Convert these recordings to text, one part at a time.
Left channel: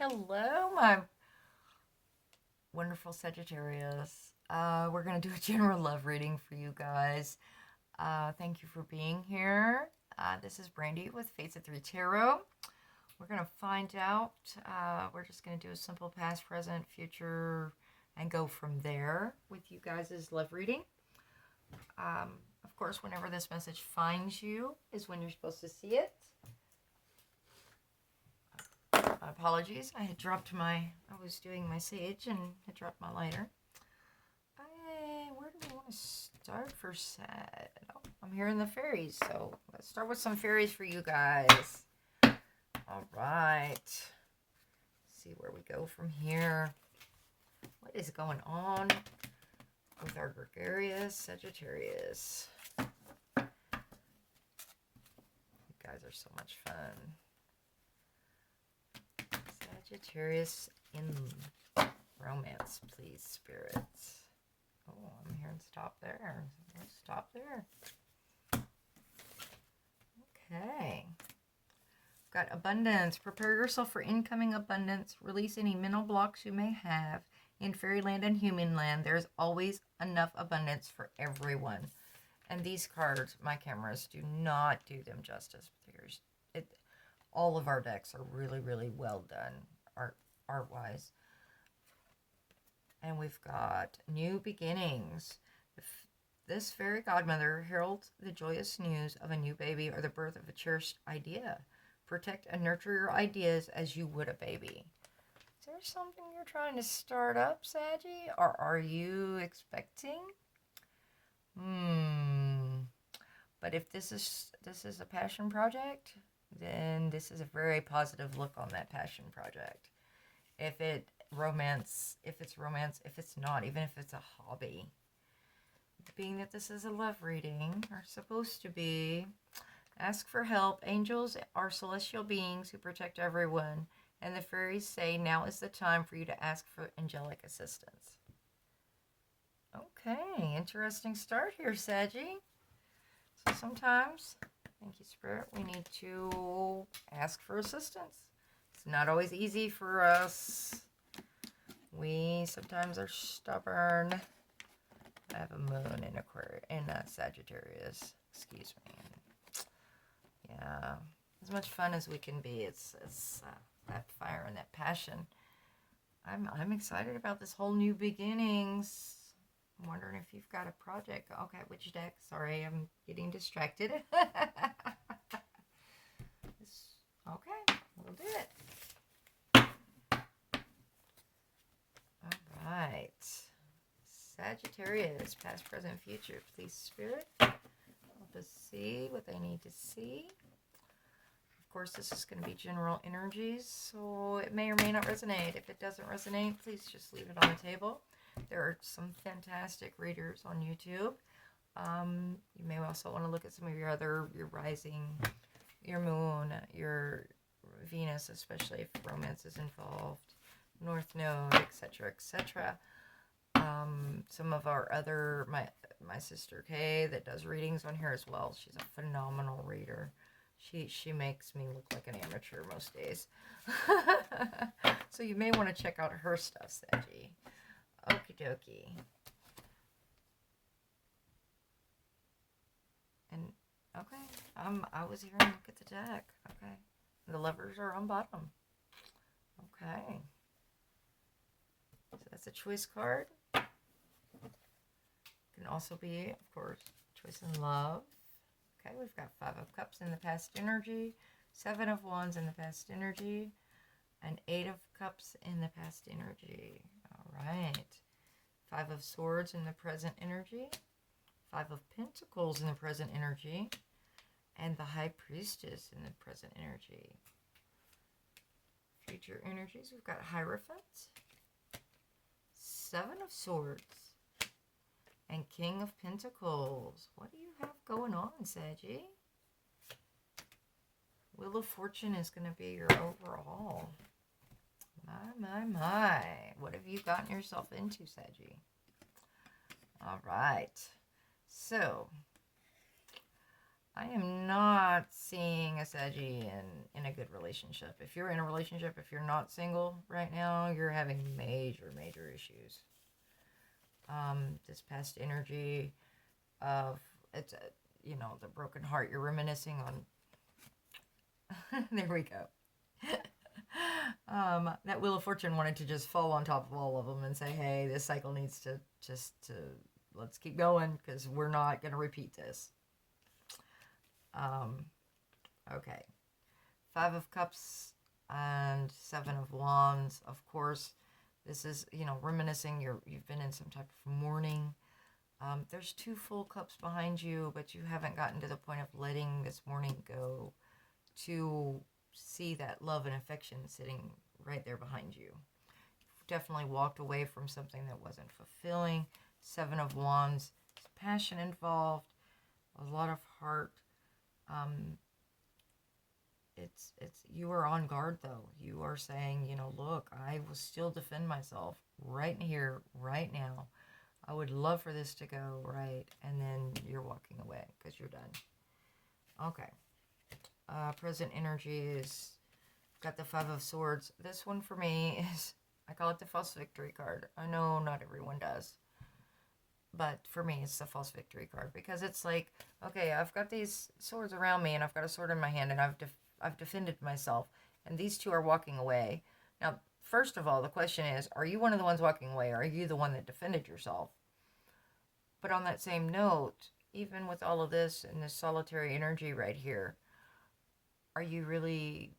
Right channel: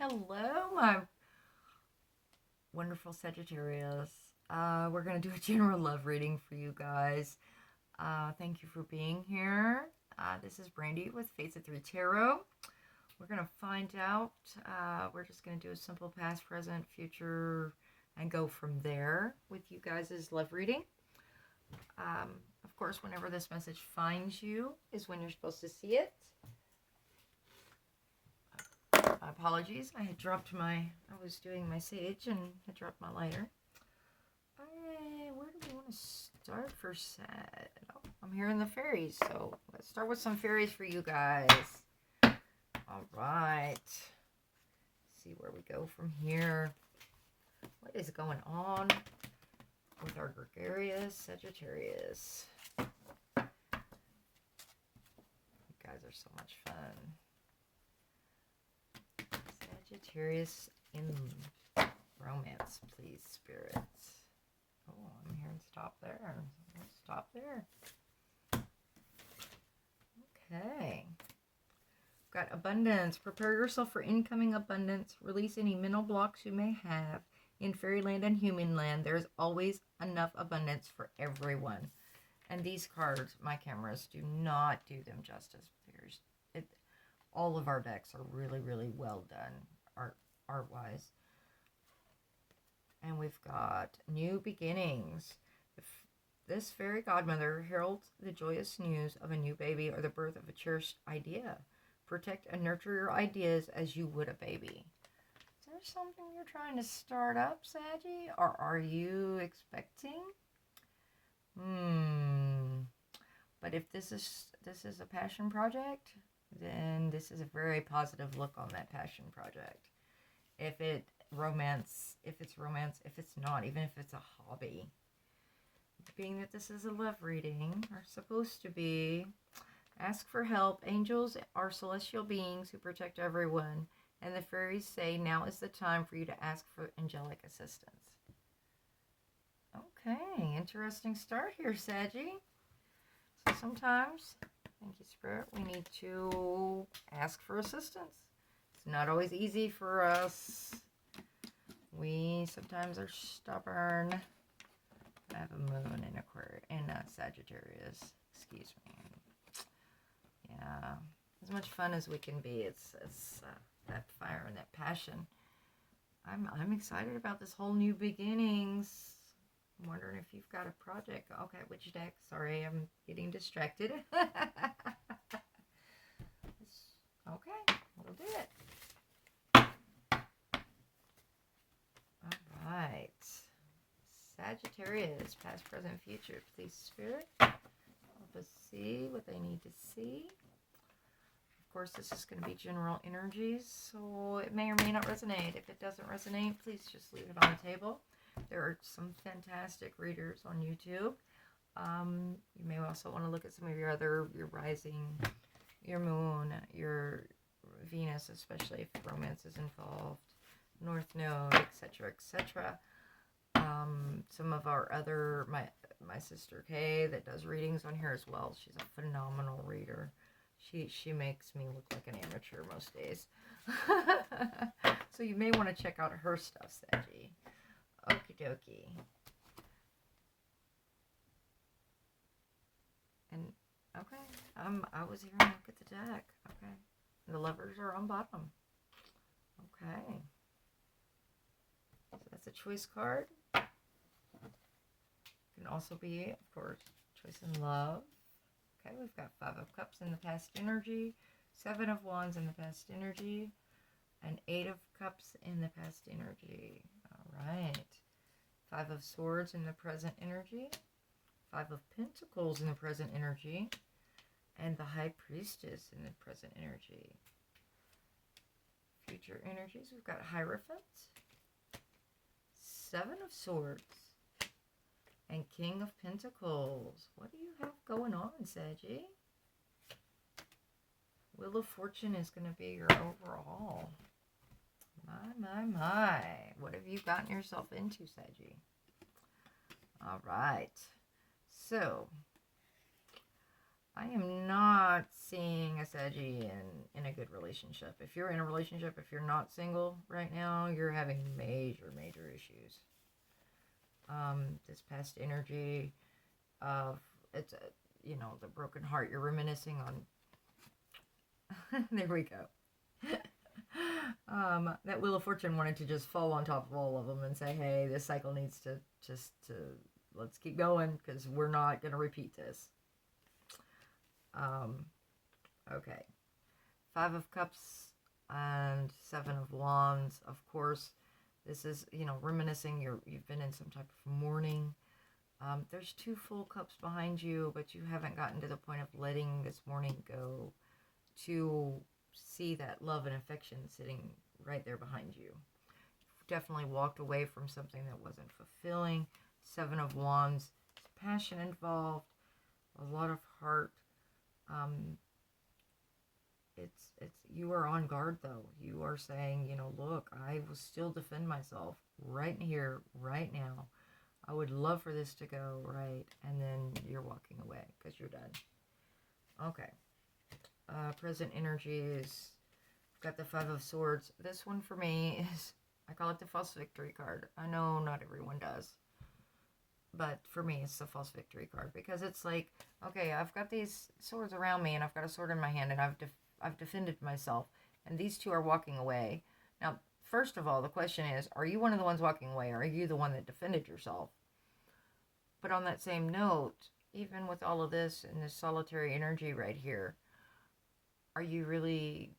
Hello, my wonderful Sagittarius. We're going to do a general love reading for you guys. Thank you for being here. This is Brandy with Fates of 3 Tarot. We're going to find out. We're just going to do a simple past, present, future, and go from there with you guys' love reading. Of course, whenever this message finds you is when you're supposed to see it. Apologies, I was doing my sage and I dropped my lighter. Where do we want to start for Sag? Oh, I'm hearing the fairies, so let's start with some fairies for you guys. All right. See where we go from here. What is going on with our gregarious Sagittarius? You guys are so much fun. Sagittarius in romance, please, spirits. Oh, I'm hearing stop there. Stop there. Okay. Got abundance. Prepare yourself for incoming abundance. Release any mental blocks you may have. In fairyland and human land, there's always enough abundance for everyone. And these cards, my cameras do not do them justice. All of our decks are really, really well done, art-wise. And we've got new beginnings. This fairy godmother heralds the joyous news of a new baby or the birth of a cherished idea. Protect and nurture your ideas as you would a baby. Is there something you're trying to start up, Saggy? Or are you expecting? But if this is a passion project, then this is a very positive look on that passion project. If it's romance, if it's not, even if it's a hobby. Being that this is a love reading, or supposed to be, ask for help. Angels are celestial beings who protect everyone, and the fairies say now is the time for you to ask for angelic assistance. Okay, interesting start here, Saggy. So sometimes, thank you, Spirit, we need to ask for assistance. It's not always easy for us. We sometimes are stubborn. I have a moon in Sagittarius. Excuse me. Yeah, as much fun as we can be. It's that fire and that passion. I'm excited about this whole new beginnings. I'm wondering if you've got a project. Okay, which deck? Sorry, I'm getting distracted. Okay, we'll do it. All right. Sagittarius, past, present, future. Please, Spirit, help us see what they need to see. Of course, this is going to be general energies, so it may or may not resonate. If it doesn't resonate, please just leave it on the table. There are some fantastic readers on YouTube. You may also want to look at some of your rising, your moon, your Venus, especially if romance is involved, North Node, etc., etc. Some of our other, my sister Kay that does readings on here as well. She's a phenomenal reader. She makes me look like an amateur most days. So you may want to check out her stuff, Saggy. Okie dokie. And okay, I was here and look at the deck. Okay, the lovers are on bottom. Okay, so that's a choice card. Can also be, of course, choice in love. Okay, we've got 5 of Cups in the past energy, 7 of Wands in the past energy, and 8 of Cups in the past energy. All right. 5 of Swords in the present energy, 5 of Pentacles in the present energy, and the High Priestess in the present energy. Future energies, we've got Hierophant, 7 of Swords, and King of Pentacles. What do you have going on, Saggy? Wheel of Fortune is going to be your overall. My. What have you gotten yourself into, Saggy? All right. So, I am not seeing a Saggy in a good relationship. If you're in a relationship, if you're not single right now, you're having major, major issues. This past energy of, it's, you know, the broken heart. You're reminiscing on, there we go. That Wheel of Fortune wanted to just fall on top of all of them and say, hey, this cycle needs to let's keep going because we're not going to repeat this. Okay. 5 of Cups and 7 of Wands. Of course, this is, you know, reminiscing. You've been in some type of mourning. There's 2 full cups behind you, but you haven't gotten to the point of letting this mourning go to see that love and affection sitting right there behind you. Definitely walked away from something that wasn't fulfilling. 7 of Wands. Passion involved. A lot of heart. It's you are on guard though. You are saying, you know, look, I will still defend myself right here, right now. I would love for this to go right, and then you're walking away because you're done. Okay. Present energies. Got the 5 of Swords. This one for me is, I call it the false victory card. I know not everyone does. But for me, it's the false victory card because it's like, okay, I've got these swords around me and I've got a sword in my hand and I've defended myself and these 2 are walking away. Now, first of all, the question is, are you one of the ones walking away? Or are you the one that defended yourself? But on that same note, even with all of this and this solitary energy right here, are you really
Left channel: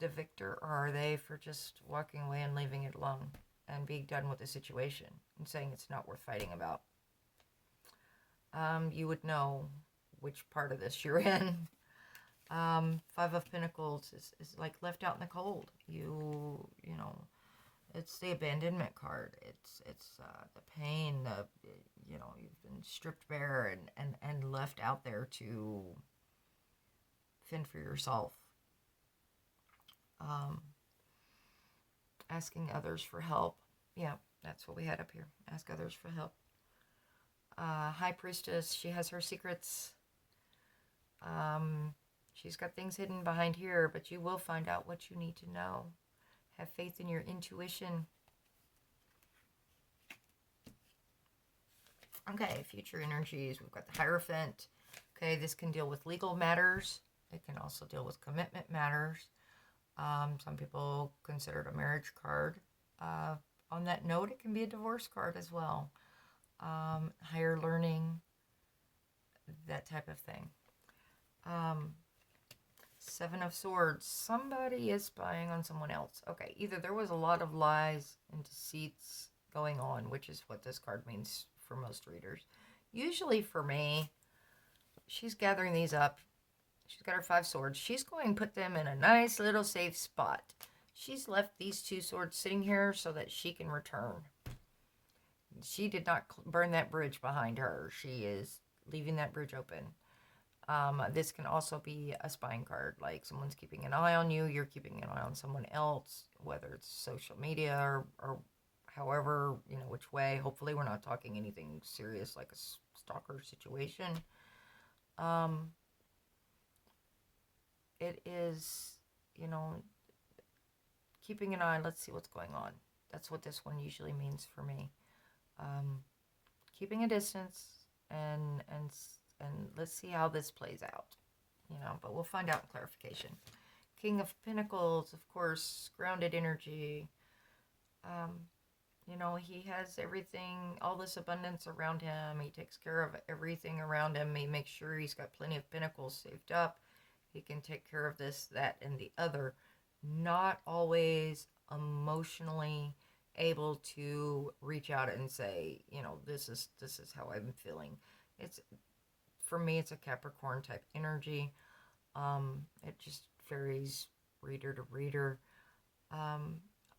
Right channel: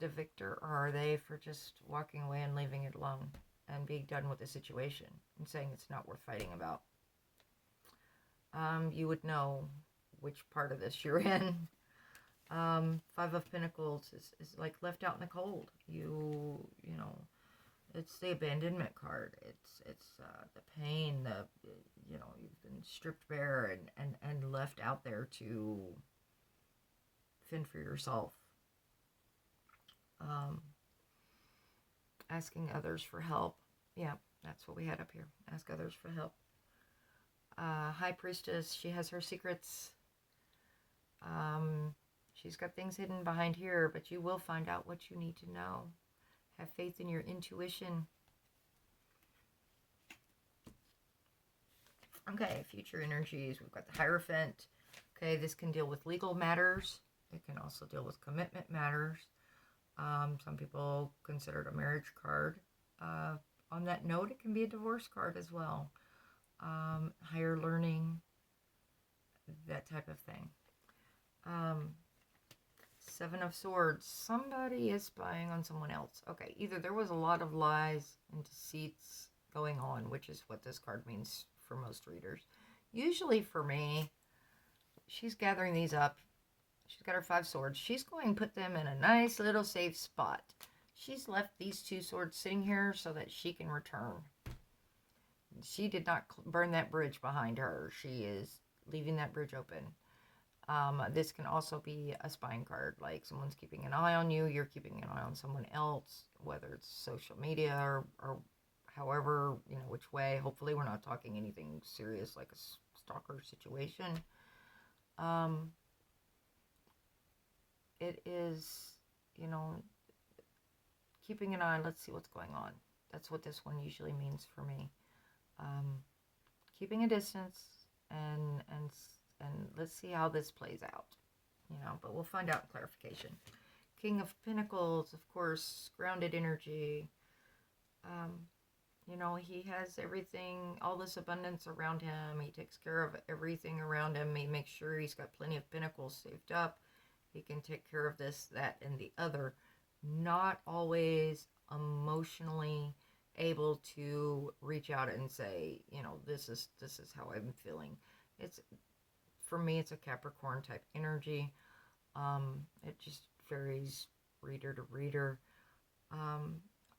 the victor, or are they for just walking away and leaving it alone and being done with the situation and saying it's not worth fighting about? You would know which part of this you're in. 5 of Pentacles is like left out in the cold. You know, it's the abandonment card. It's the pain, you know, you've been stripped bare and left out there to fend for yourself. Asking others for help. Yeah, that's what we had up here. Ask others for help. High Priestess, she has her secrets. She's got things hidden behind here, but you will find out what you need to know. Have faith in your intuition. Okay, future energies. We've got the Hierophant. Okay, this can deal with legal matters. It can also deal with commitment matters. Some people consider it a marriage card. On that note, it can be a divorce card as well. Higher learning, that type of thing. 7 of Swords. Somebody is spying on someone else. Okay, either there was a lot of lies and deceits going on, which is what this card means for most readers. Usually for me, she's gathering these up. She's got her 5 swords. She's going to put them in a nice little safe spot. She's left these 2 swords sitting here so that she can return. She did not burn that bridge behind her. She is leaving that bridge open. This can also be a spying card, like someone's keeping an eye on you, you're keeping an eye on someone else, whether it's social media or however, you know, which way. Hopefully we're not talking anything serious like a stalker situation. It is, you know, keeping an eye, let's see what's going on. That's what this one usually means for me. Keeping a distance and let's see how this plays out, you know, but we'll find out in clarification. King of Pentacles, of course, grounded energy. You know, he has everything, all this abundance around him. He takes care of everything around him. He makes sure he's got plenty of pentacles saved up. He can take care of this, that, and the other. Not always emotionally able to reach out and say, you know, this is how I'm feeling. It's, for me, it's a Capricorn type energy. It just varies reader to reader.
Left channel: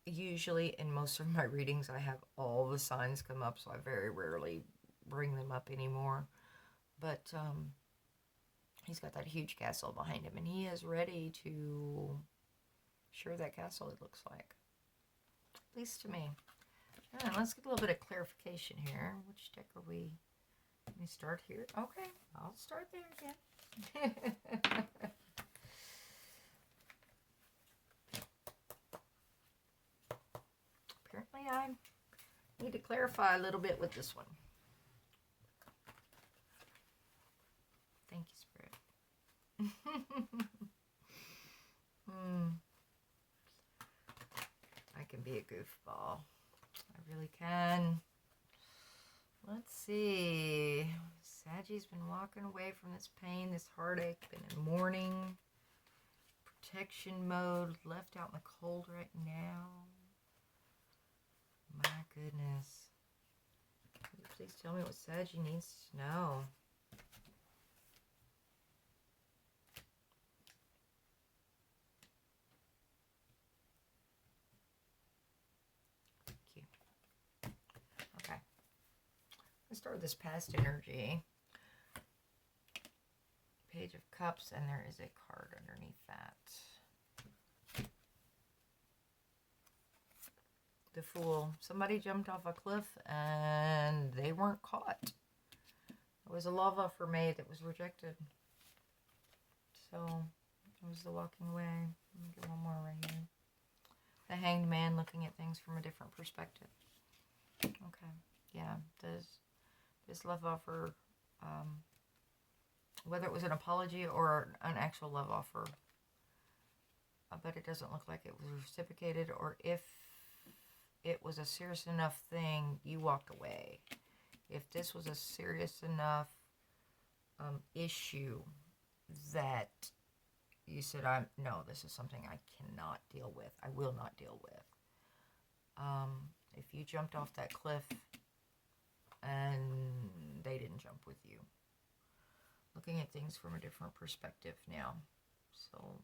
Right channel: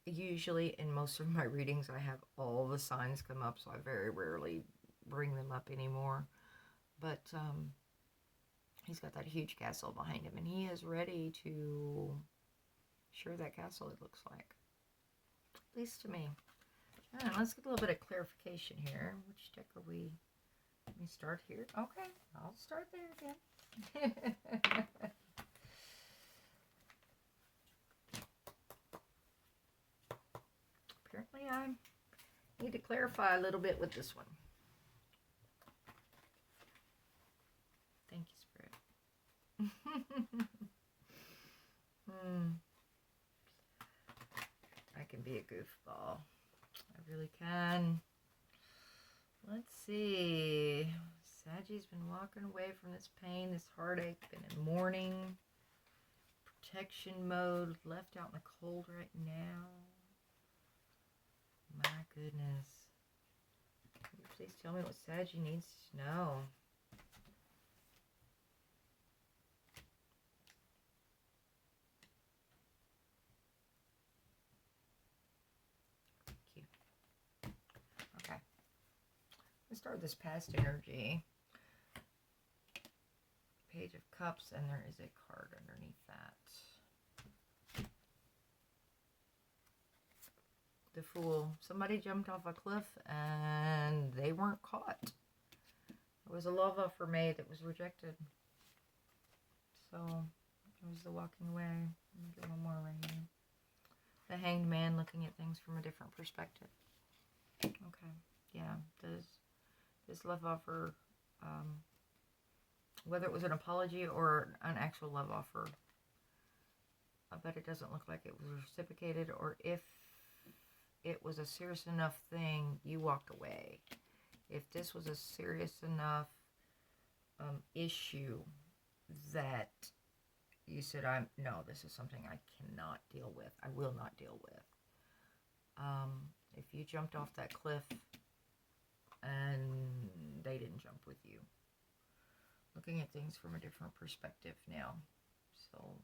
Usually in most of my readings, I have all the signs come up, so I very rarely bring them up anymore. But he's got that huge castle behind him, and he is ready to share that castle, it looks like. At least to me. All right, let's get a little bit of clarification here. Which deck are we? Let me start here. Okay, I'll start there again. Apparently I need to clarify a little bit with this one. Thank you, Spirit. I can be a goofball. I really can. Let's see. Saggie's been walking away from this pain, this heartache, been in mourning, protection mode, left out in the cold right now. My goodness. Please tell me what Saggie needs to know. Cute. Okay. Let's start with this past energy. Page of Cups, and there is a card underneath that. The Fool. Somebody jumped off a cliff and they weren't caught. It was a love offer made that was rejected. So it was the walking away. Let me get one more right here. The Hanged Man, looking at things from a different perspective. Okay. Yeah. This love offer, whether it was an apology or an actual love offer, but it doesn't look like it was reciprocated, or if it was a serious enough thing, you walked away. If this was a serious enough issue that you said, no, this is something I cannot deal with. I will not deal with. If you jumped off that cliff and they didn't jump with you. Looking at things from a different perspective now. So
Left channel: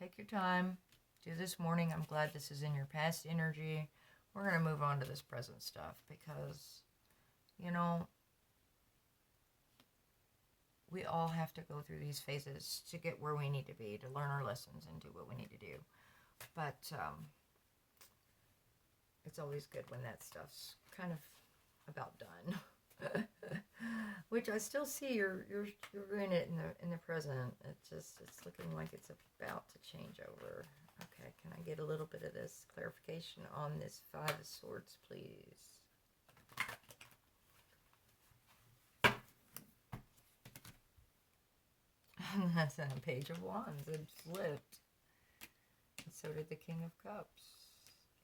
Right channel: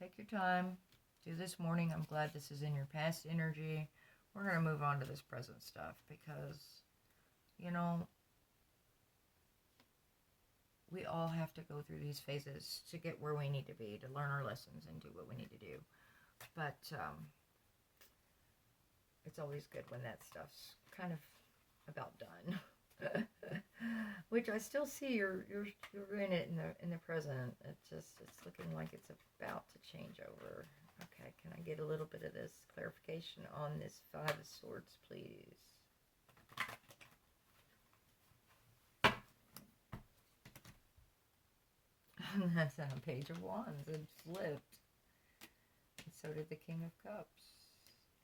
take your time. Do this morning. I'm glad this is in your past energy. We're going to move on to this present stuff because, you know, we all have to go through these phases to get where we need to be, to learn our lessons and do what we need to do. But it's always good when that stuff's kind of about done. Which I still see you're doing it in the present. It's looking like it's about to change over. Okay, can I get a little bit of this clarification on this Five of Swords, please? And that's on a Page of Wands. It flipped. And so did the King of Cups.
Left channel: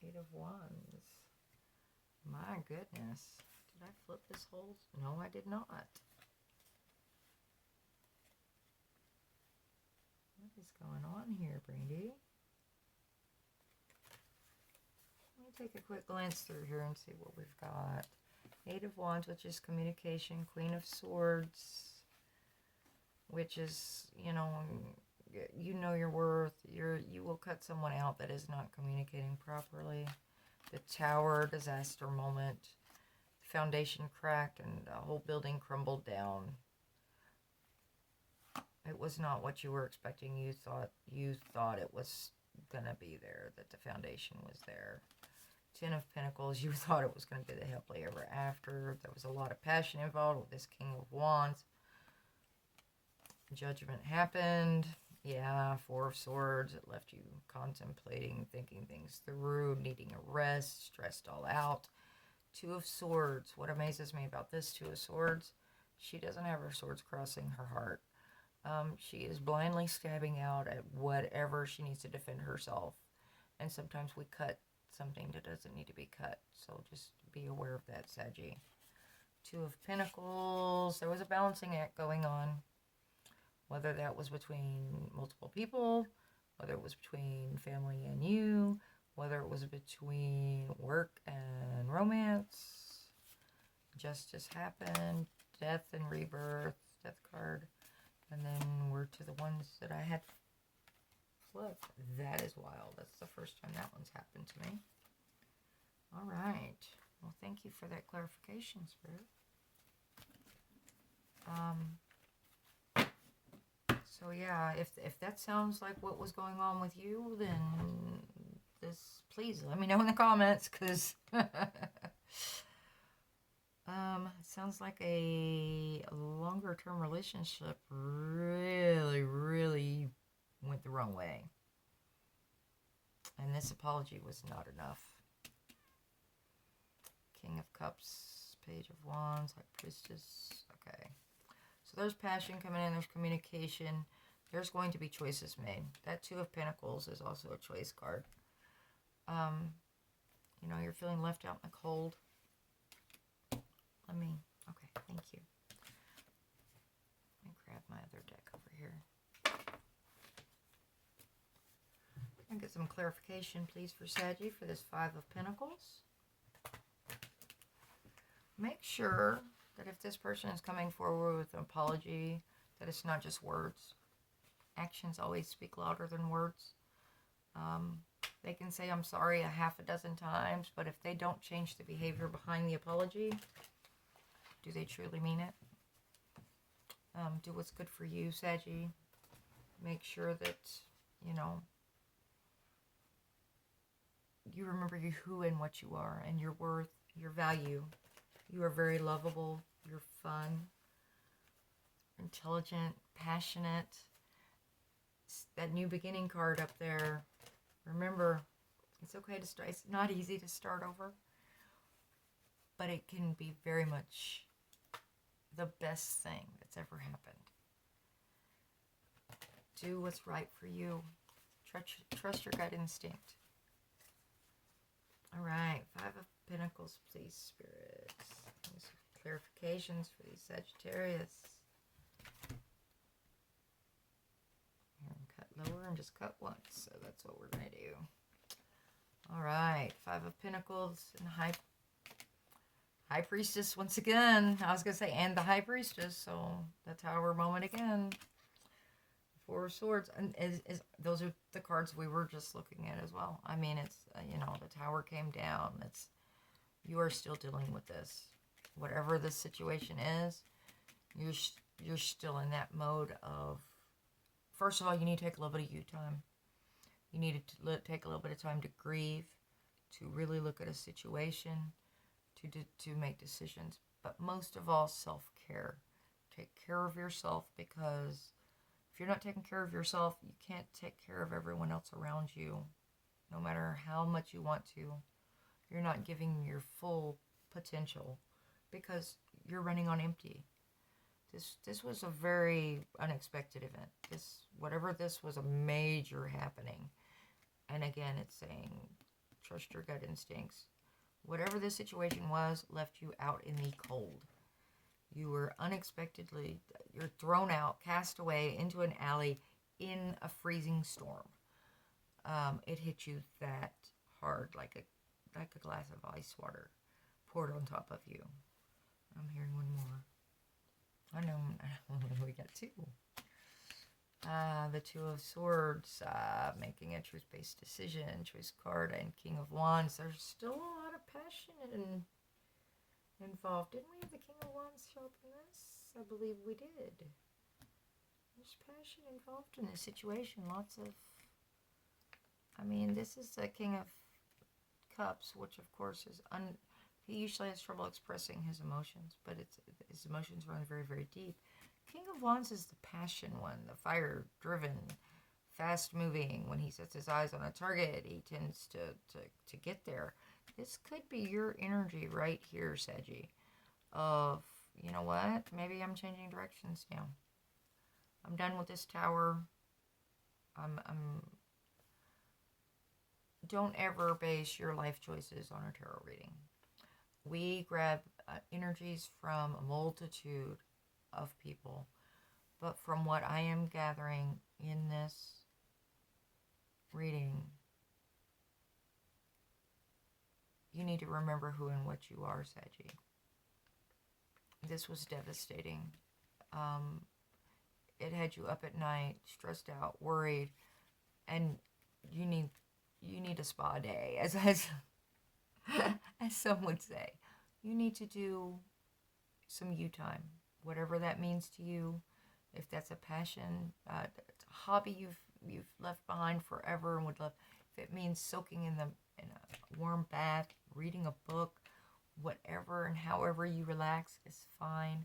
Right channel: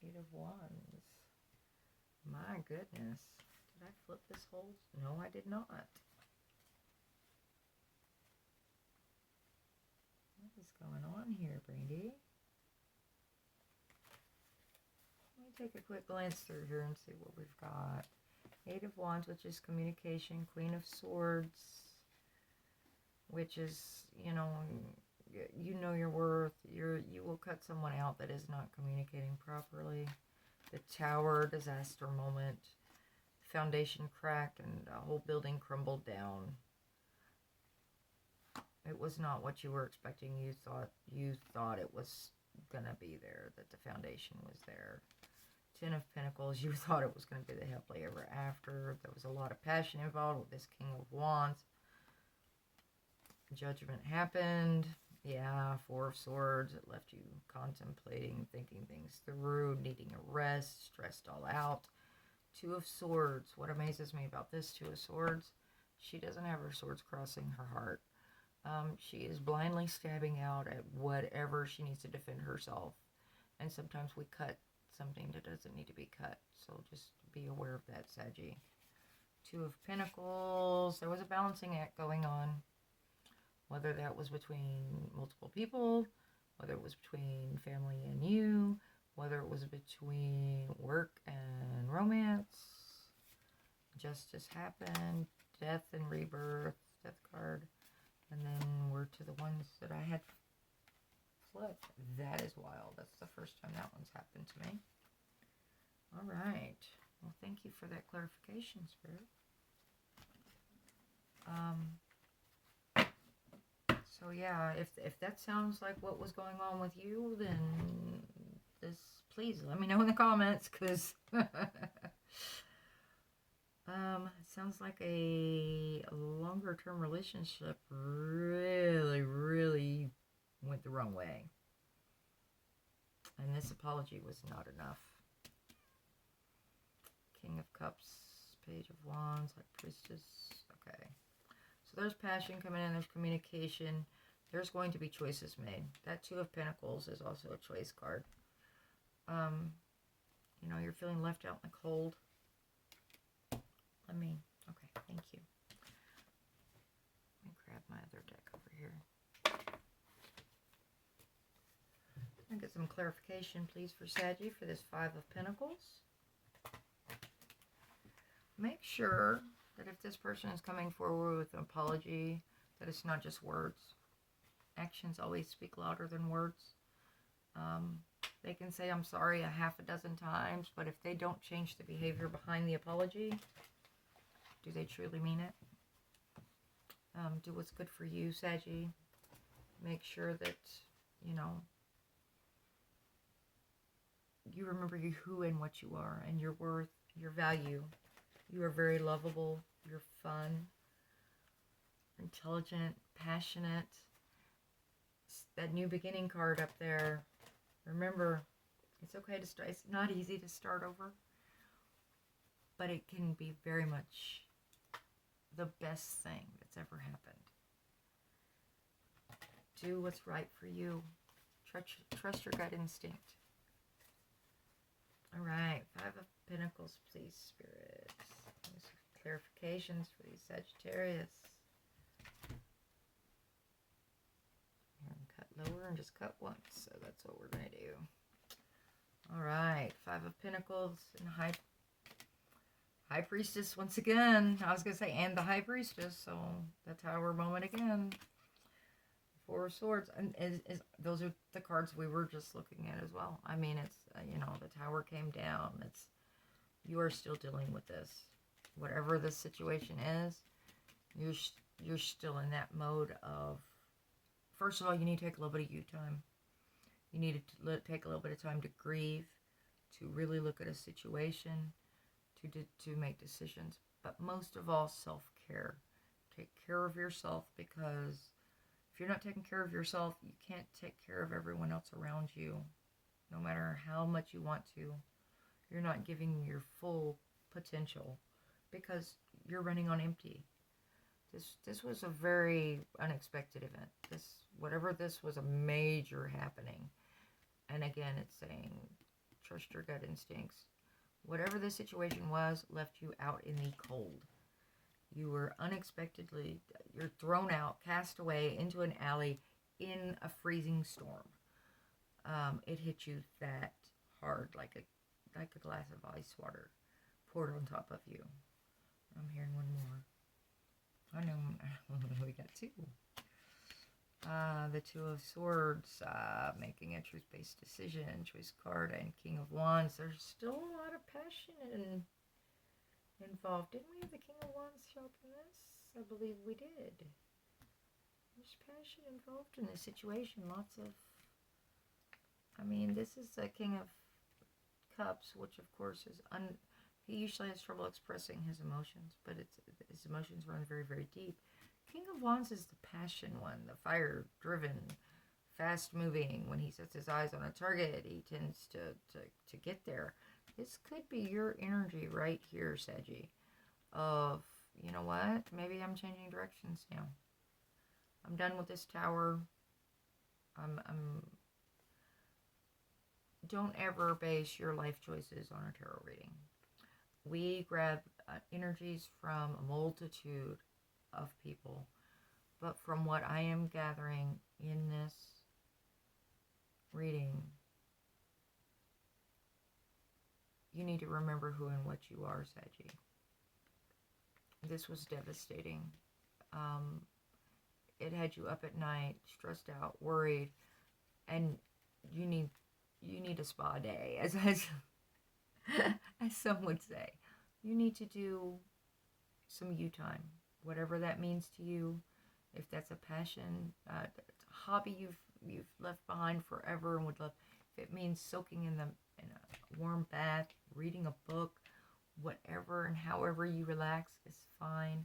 Eight of Wands. My goodness. Did I flip this whole? No, I did not. What is going on here, Brandy? Let me take a quick glance through here and see what we've got. Eight of Wands, which is communication. Queen of Swords, which is, you know your worth. You will cut someone out that is not communicating properly. The Tower, disaster moment. Foundation cracked and the whole building crumbled down. It was not what you were expecting. You thought it was gonna be there, that the foundation was there. Ten of Pentacles, you thought it was gonna be the happily ever after. There was a lot of passion involved with this King of Wands. Judgment happened. Yeah, Four of Swords. It left you contemplating, thinking things through, needing a rest, stressed all out. Two of Swords. What amazes me about this Two of Swords, she doesn't have her swords crossing her heart. She is blindly stabbing out at whatever she needs to defend herself. And sometimes we cut something that doesn't need to be cut. So just be aware of that, Saggy. Two of Pentacles. There was a balancing act going on. Whether that was between multiple people, whether it was between family and you, whether it was between work and romance. Justice happened. Death and rebirth. Death card. And then we're to the ones that I had flipped. That is wild. That's the first time that one's happened to me. All right. Well, thank you for that clarification, Spirit. So yeah, if that sounds like what was going on with you, then please let me know in the comments, because It sounds like a longer-term relationship really went the wrong way. And this apology was not enough. King of Cups, Page of Wands, High Priestess. Okay. So there's passion coming in. There's communication. There's going to be choices made. That Two of Pentacles is also a choice card. You know, you're feeling left out in the cold. Okay, thank you. Let me grab my other deck over here. And get some clarification, please, for Saggy for this Five of Pentacles. Make sure that if this person is coming forward with an apology, that it's not just words. Actions always speak louder than words. They can say, I'm sorry, a half a dozen times, but if they don't change the behavior behind the apology, do they truly mean it? Do what's good for you, Saggy. Make sure that, you know, you remember who and what you are and your worth, your value. You are very lovable. You're fun, intelligent, passionate. That New Beginning card up there. Remember, it's okay to start. It's not easy to start over, but it can be very much the best thing that's ever happened. Do what's right for you. Trust your gut instinct. All right, Five of Pentacles, please, Spirit. Some clarifications for these Sagittarius. Cut lower and just cut once, so that's what we're going to do. All right, Five of Pentacles and High Priestess once again. I was going to say, and the High Priestess, so the Tower moment again. Four of Swords, and those are the cards we were just looking at as well. I mean, it's, you know, the Tower came down. It's, you are still dealing with this. Whatever the situation is, you're still in that mode of, first of all, you need to take a little bit of you time. You need to take a little bit of time to grieve, to really look at a situation, to make decisions. But most of all, self-care. Take care of yourself, because if you're not taking care of yourself, you can't take care of everyone else around you. No matter how much you want to, you're not giving your full potential because you're running on empty. This was a very unexpected event. Whatever this was, a major happening. And again, it's saying, trust your gut instincts. Whatever the situation was, left you out in the cold. You were unexpectedly, you're thrown out, cast away into an alley in a freezing storm. It hit you that hard, like a glass of ice water poured on top of you. I'm hearing one more. I know we got two. The Two of Swords, making a truth-based decision, choice card, and King of Wands. There's still a lot of passion involved. Didn't we have the King of Wands show up in this? I believe we did. There's passion involved in this situation. Lots of, I mean, this is the King of Cups, which of course is, he usually has trouble expressing his emotions, but his emotions run very, very deep. King of Wands is the passion one, the fire-driven, fast-moving. When he sets his eyes on a target, he tends to get there. This could be your energy right here, Saggy, of, you know what, maybe I'm changing directions now. I'm done with this tower. Don't ever base your life choices on a tarot reading. We grab energies from a multitude of people, but from what I am gathering in this reading, you need to remember who and what you are, Saggy. This was devastating. It had you up at night, stressed out, worried, and you need a spa day, as some would say. You need to do some you time, whatever that means to you. If that's a passion, a hobby you've left behind forever and would love, if it means soaking in a warm bath, reading a book, whatever and however you relax is fine.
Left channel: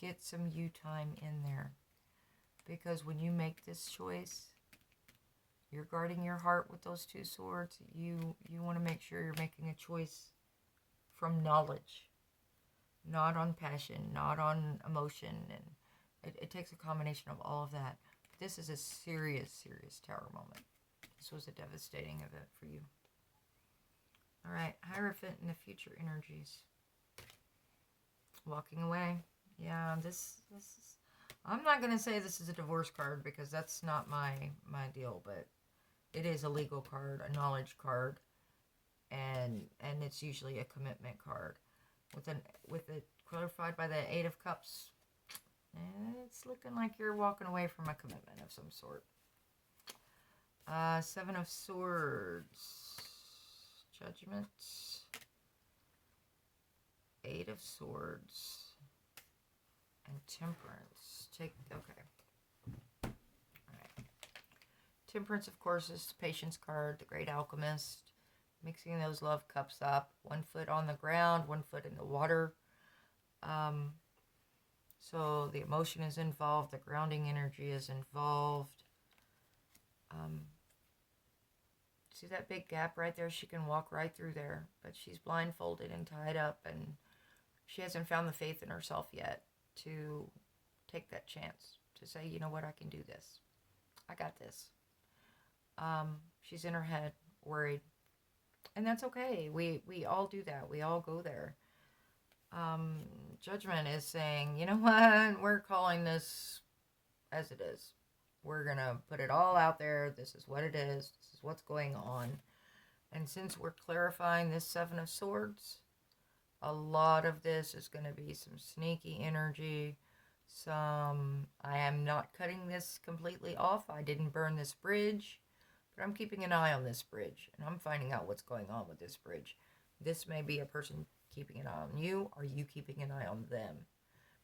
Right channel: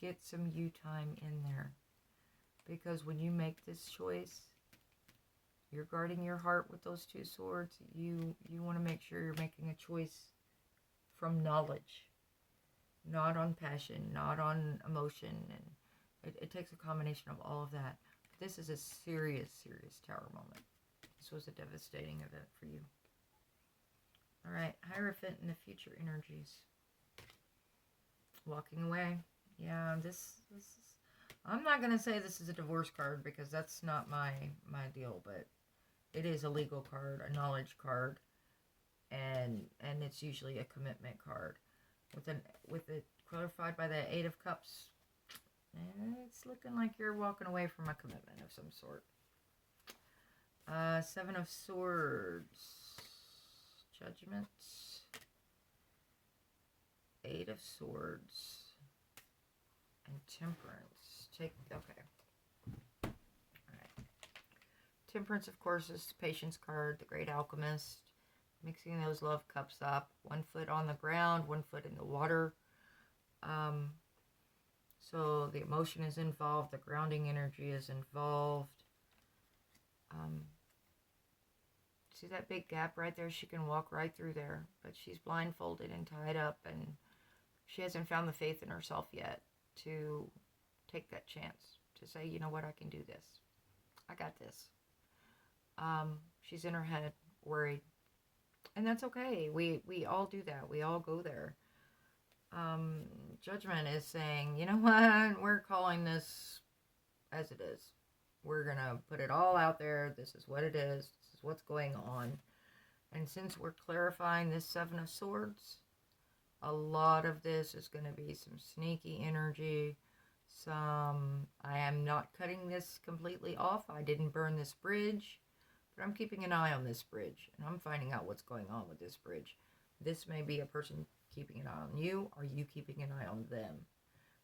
Get some you time in there. Because when you make this choice, you're guarding your heart with those 2 swords. You want to make sure you're making a choice from knowledge, not on passion, not on emotion. And it takes a combination of all of that. But this is a serious, serious Tower moment. This was a devastating event for you. All right, Hierophant in the future energies. Walking away. Yeah, this is... I'm not going to say this is a divorce card because that's not my deal, but it is a legal card, a knowledge card, and it's usually a commitment card. With it clarified by the 8 of Cups, it's looking like you're walking away from a commitment of some sort. 7 of Swords, Judgment, 8 of Swords, and Temperance. Okay. All right. Temperance, of course, is the Patience card, the Great Alchemist. Mixing those love cups up. 1 foot on the ground, 1 foot in the water. So the emotion is involved. The grounding energy is involved. See that big gap right there? She can walk right through there. But she's blindfolded and tied up. And she hasn't found the faith in herself yet to take that chance. To say, you know what, I can do this. I got this. She's in her head, worried. And that's okay. We all do that. We all go there. Judgment is saying, you know what? We're calling this as it is. We're going to put it all out there. This is what it is. This is what's going on. And since we're clarifying this 7 of Swords, a lot of this is going to be some sneaky energy. I am not cutting this completely off. I didn't burn this bridge. But I'm keeping an eye on this bridge, and I'm finding out what's going on with this bridge. This may be a person keeping an eye on you, or you keeping an eye on them.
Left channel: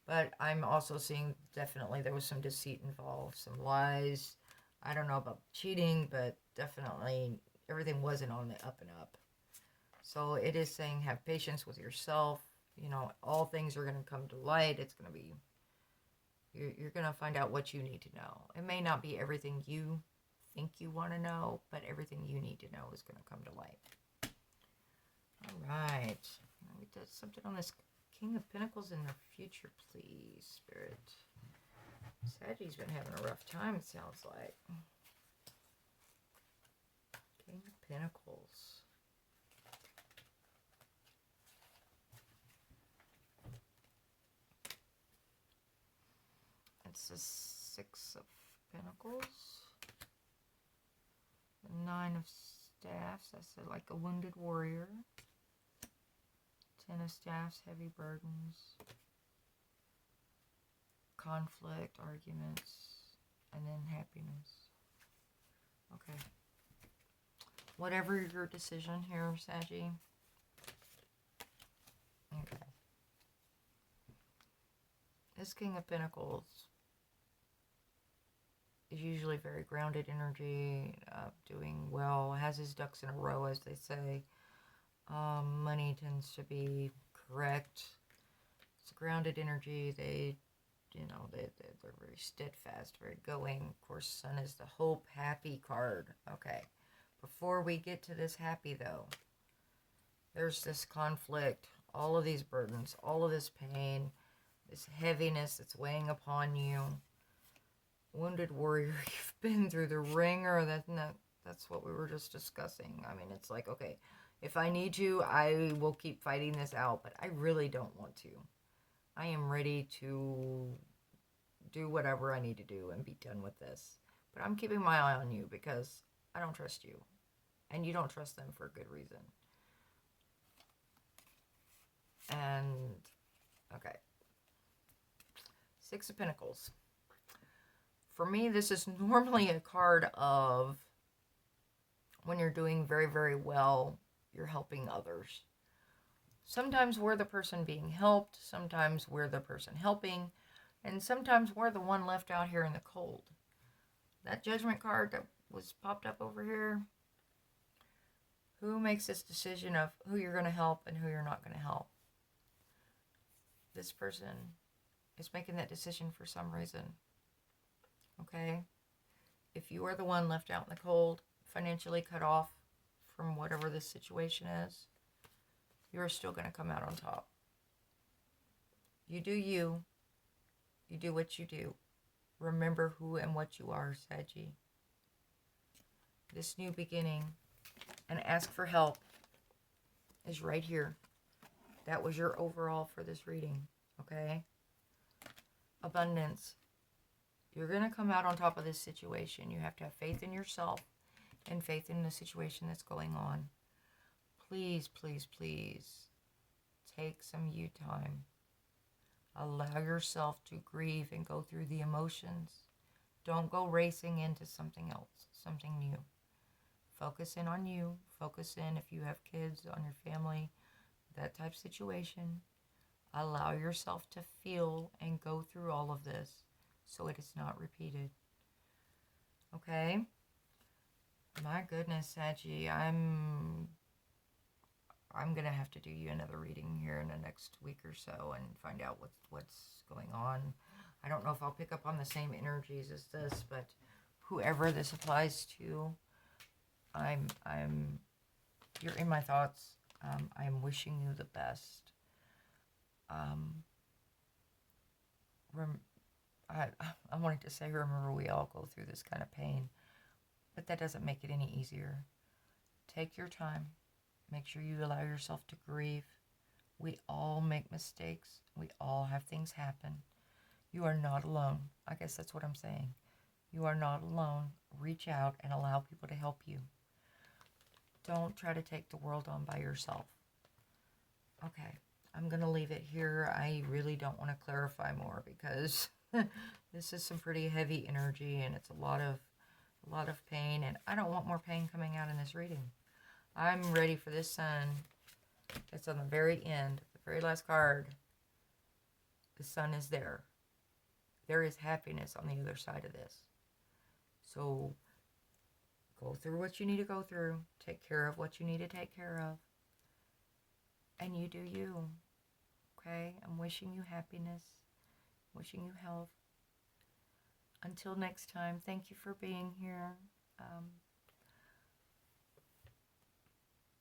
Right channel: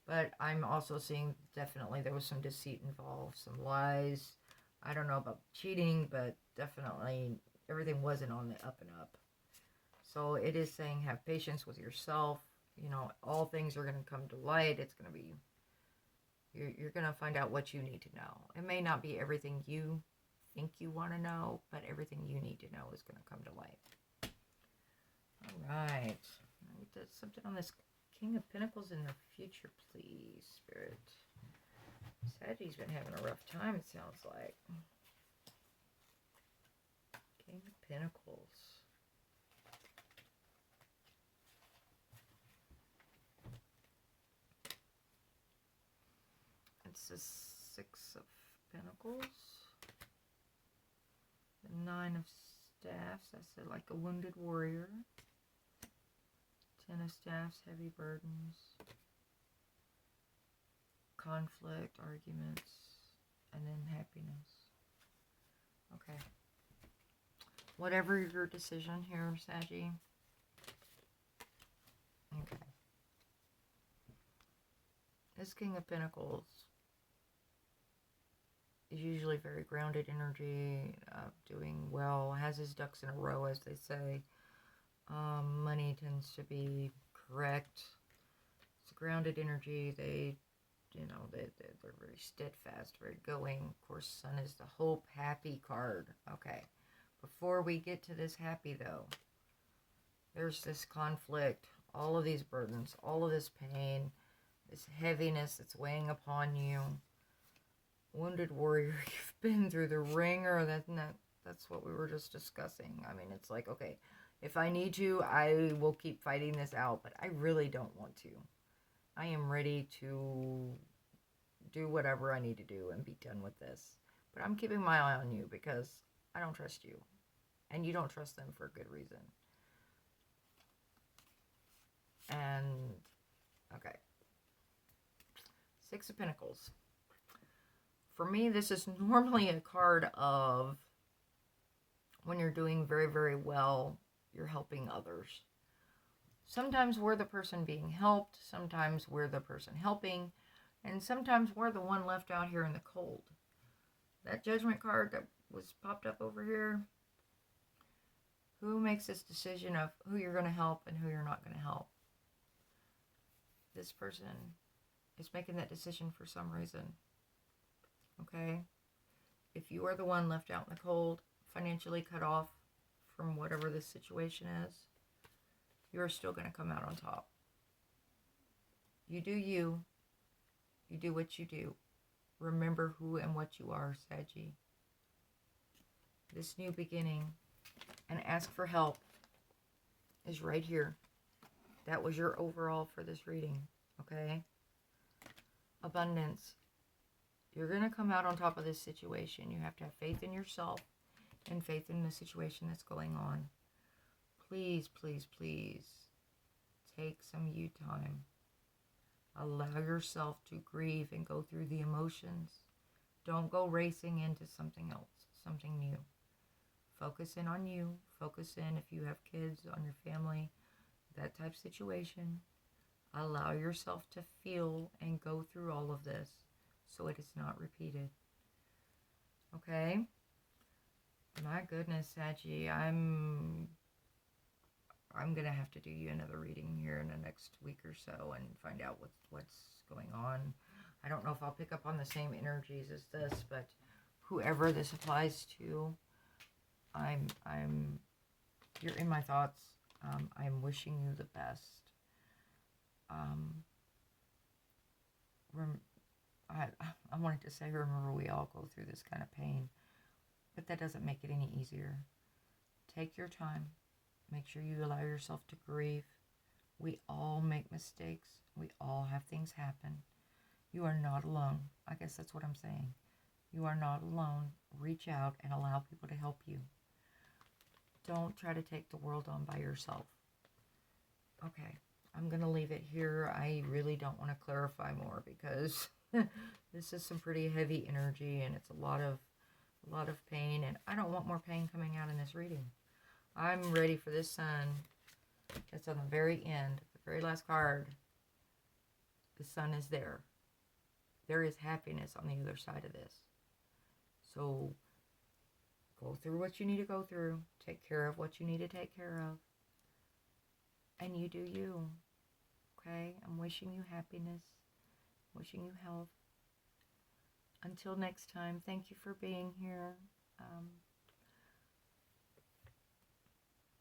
But I'm also seeing definitely there was some deceit involved, some lies. I don't know about cheating, but definitely everything wasn't on the up and up. So it is saying have patience with yourself. You know, all things are going to come to light. It's going to be, you're going to find out what you need to know. It may not be everything you think you want to know, but everything you need to know is going to come to light. All right. We did something on this King of Pentacles in the future, please, Spirit. Sagittarius been having a rough time, it sounds like. King of Pentacles. It's the 6 of Pentacles. The 9 of Staffs, that's like a wounded warrior. 10 of Staffs, heavy burdens. Conflict, arguments, and then happiness. Okay. Whatever your decision here, Saggy. Okay. This King of Pentacles is usually very grounded energy, doing well, has his ducks in a row, as they say. Money tends to be correct. It's a grounded energy. They're very steadfast, very going. Of course, Sun is the hope, happy card. Okay. Before we get to this happy, though, there's this conflict, all of these burdens, all of this pain, this heaviness that's weighing upon you. Wounded warrior, you've been through the ringer. That's what we were just discussing. I mean, it's like, okay, if I need to, I will keep fighting this out, but I really don't want to. I am ready to do whatever I need to do and be done with this. But I'm keeping my eye on you because I don't trust you. And you don't trust them for a good reason. And, okay. 6 of Pentacles. For me, this is normally a card of when you're doing very, very well, you're helping others. Sometimes we're the person being helped. Sometimes we're the person helping. And sometimes we're the one left out here in the cold. That Judgment card that was popped up over here, Who makes this decision of who you're going to help and who you're not going to help? This person is making that decision for some reason. Okay? If you are the one left out in the cold, financially cut off from whatever this situation is, you're still going to come out on top. You do you. You do what you do. Remember who and what you are, Saggy. This new beginning and ask for help is right here. That was your overall for this reading, okay? Abundance. You're going to come out on top of this situation. You have to have faith in yourself and faith in the situation that's going on. Please, please, please take some you time. Allow yourself to grieve and go through the emotions. Don't go racing into something else, something new. Focus in on you. Focus in if you have kids, on your family, that type of situation. Allow yourself to feel and go through all of this so it is not repeated. Okay? My goodness, Saggy, I'm going to have to do you another reading here in the next week or so and find out what's going on. I don't know if I'll pick up on the same energies as this, but whoever this applies to, you're in my thoughts. I'm wishing you the best. I wanted to say, remember, we all go through this kind of pain, but that doesn't make it any easier. Take your time. Make sure you allow yourself to grieve. We all make mistakes. We all have things happen. You are not alone. I guess that's what I'm saying. You are not alone. Reach out and allow people to help you. Don't try to take the world on by yourself. Okay, I'm going to leave it here. I really don't want to clarify more because this is some pretty heavy energy and it's a lot of pain, and I don't want more pain coming out in this reading. I'm ready for this sun that's on the very end, the very last card. The sun is there. There is happiness on the other side of this. So go through what you need to go through. Take care of what you need to take care of. And you do you. Okay? I'm wishing you happiness. Wishing you health. Until next time, thank you for being here.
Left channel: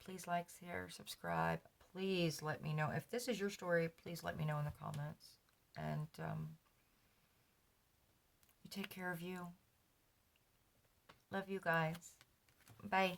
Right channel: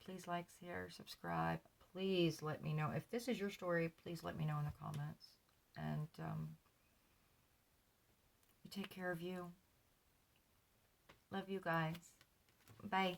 Please like, share, subscribe. Please let me know. If this is your story, please let me know in the comments. And you take care of you. Love you guys. Bye.